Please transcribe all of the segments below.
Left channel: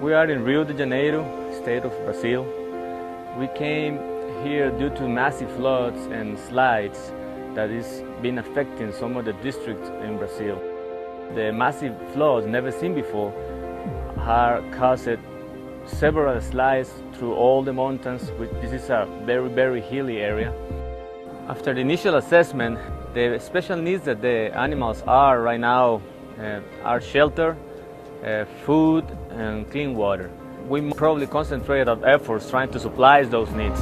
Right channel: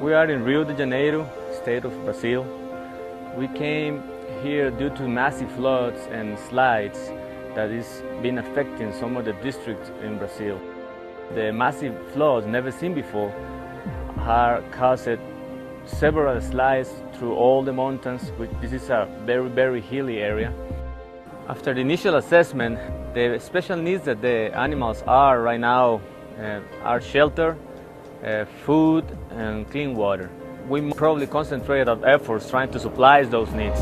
We are in Rio de Janeiro, state of Brazil. We came here due to massive floods and slides that is been affecting some of the districts in Brazil. The massive floods, never seen before, have caused several slides through all the mountains. This is a very, very hilly area. After the initial assessment, the special needs that the animals are right now are shelter, food and clean water. We probably concentrate our efforts trying to supply those needs.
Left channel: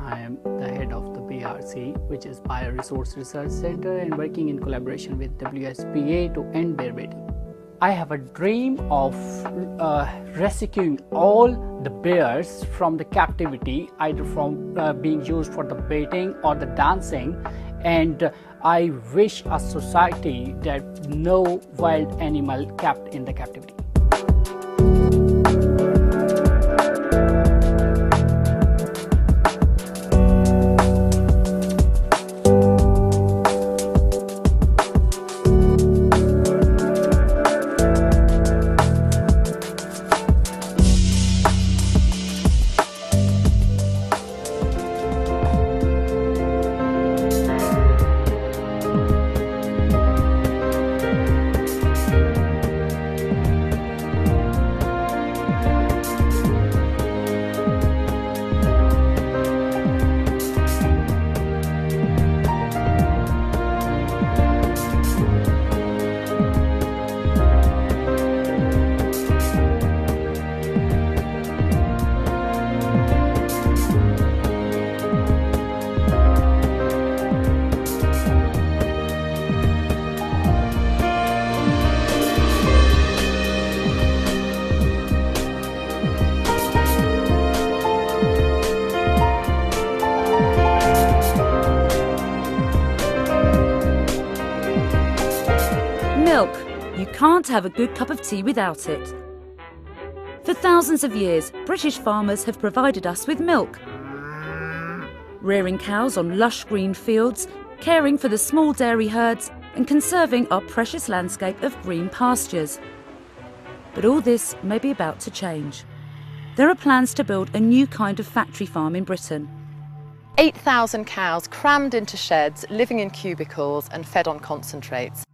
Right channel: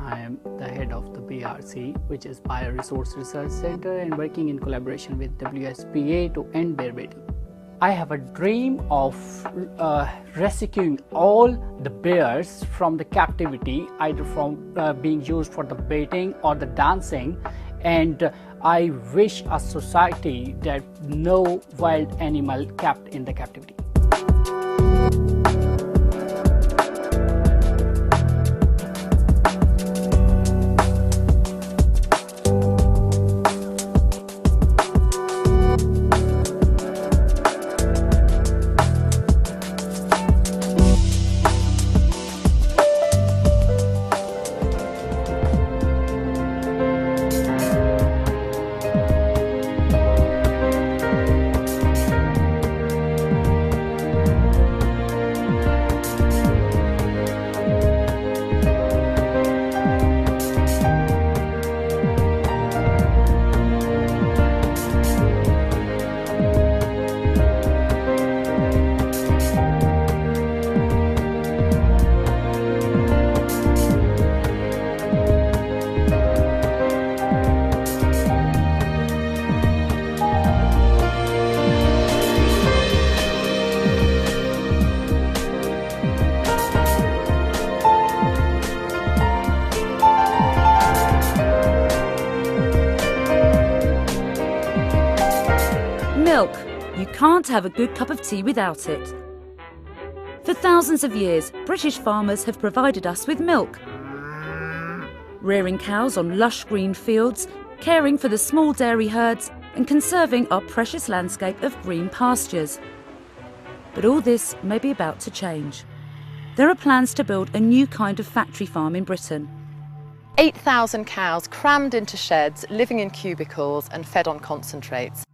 I am the head of the BRC, which is Bioresource Research Center, and working in collaboration with WSPA to end bear baiting. I have a dream of rescuing all the bears from the captivity, either from being used for the baiting or the dancing, and I wish a society that no wild animal kept in the captivity. Milk. You can't have a good cup of tea without it. For thousands of years, British farmers have provided us with milk. rearing cows on lush green fields, caring for the small dairy herds and conserving our precious landscape of green pastures. But all this may be about to change. There are plans to build a new kind of factory farm in Britain. 8,000 cows crammed into sheds, living in cubicles and fed on concentrates.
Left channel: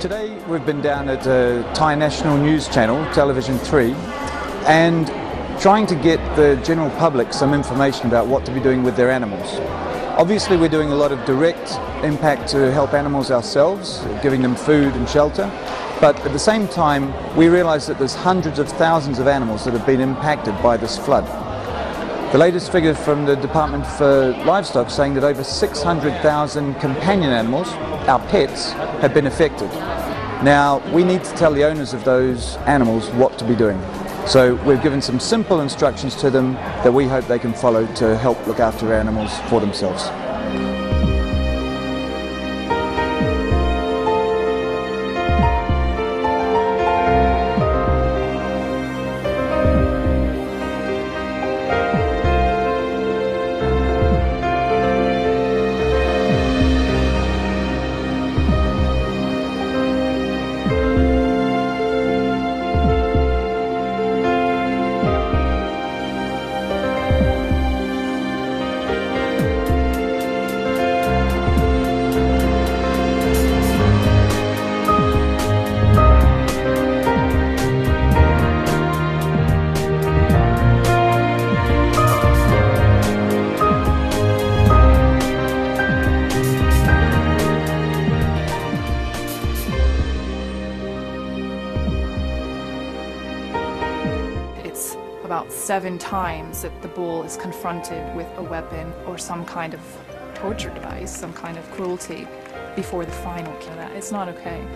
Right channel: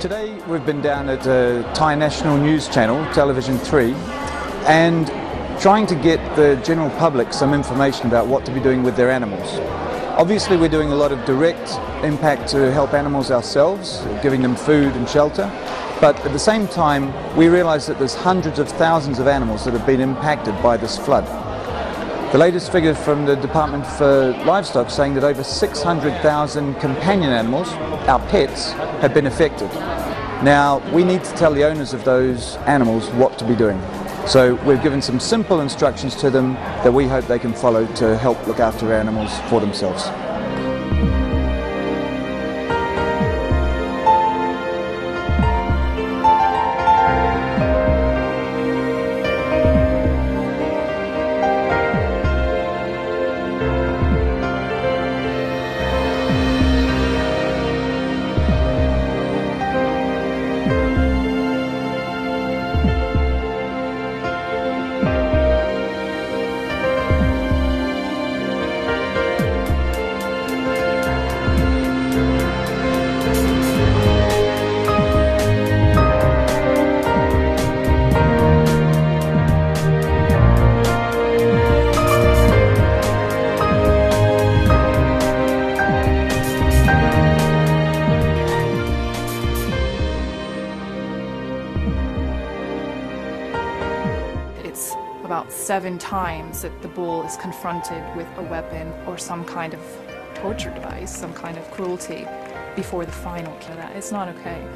Today we've been down at Thai National News Channel, Television 3, and trying to get the general public some information about what to be doing with their animals. Obviously we're doing a lot of direct impact to help animals ourselves, giving them food and shelter, but at the same time we realise that there's hundreds of thousands of animals that have been impacted by this flood. The latest figure from the Department for Livestock saying that over 600,000 companion animals, our pets, have been affected. Now, we need to tell the owners of those animals what to be doing. So we've given some simple instructions to them that we hope they can follow to help look after animals for themselves. It's about 7 times that the bull is confronted with a weapon or some kind of torture device, some kind of cruelty before the final kill. It's not okay.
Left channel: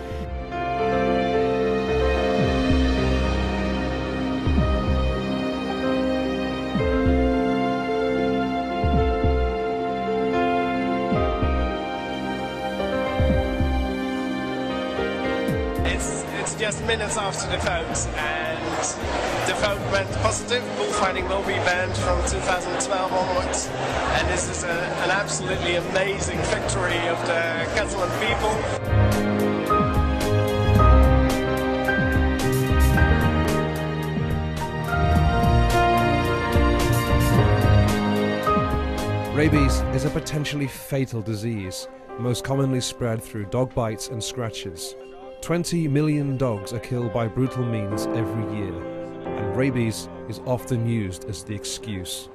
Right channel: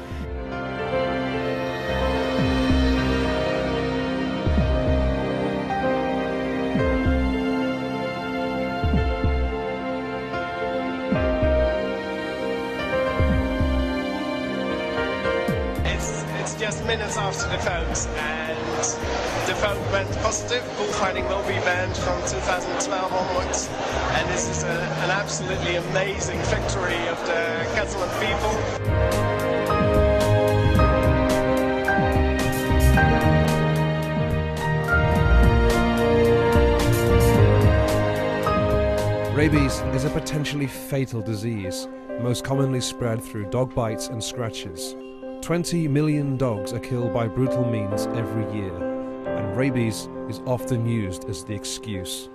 It's just minutes after the vote, and the vote went positive. Bullfighting will be banned from 2012 onwards, and this is an absolutely amazing victory of the Catalan people. Rabies is a potentially fatal disease, most commonly spread through dog bites and scratches. 20 million dogs are killed by brutal means every year, and rabies is often used as the excuse.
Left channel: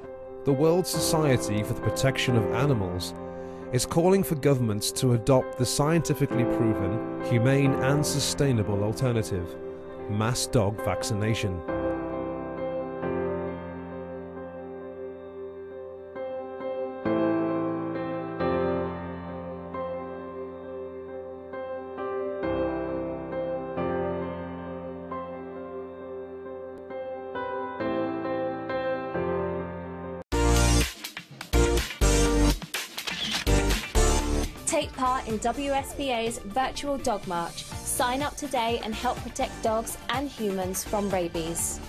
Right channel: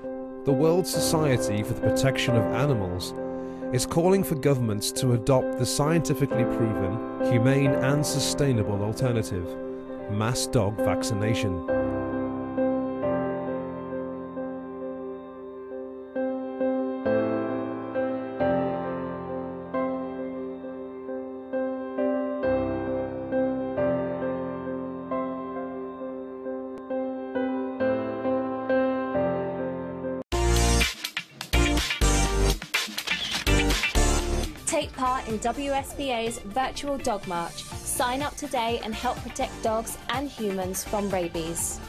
The World Society for the Protection of Animals is calling for governments to adopt the scientifically proven, humane and sustainable alternative: mass dog vaccination. Take part in WSPA's virtual dog march. Sign up today and help protect dogs and humans from rabies.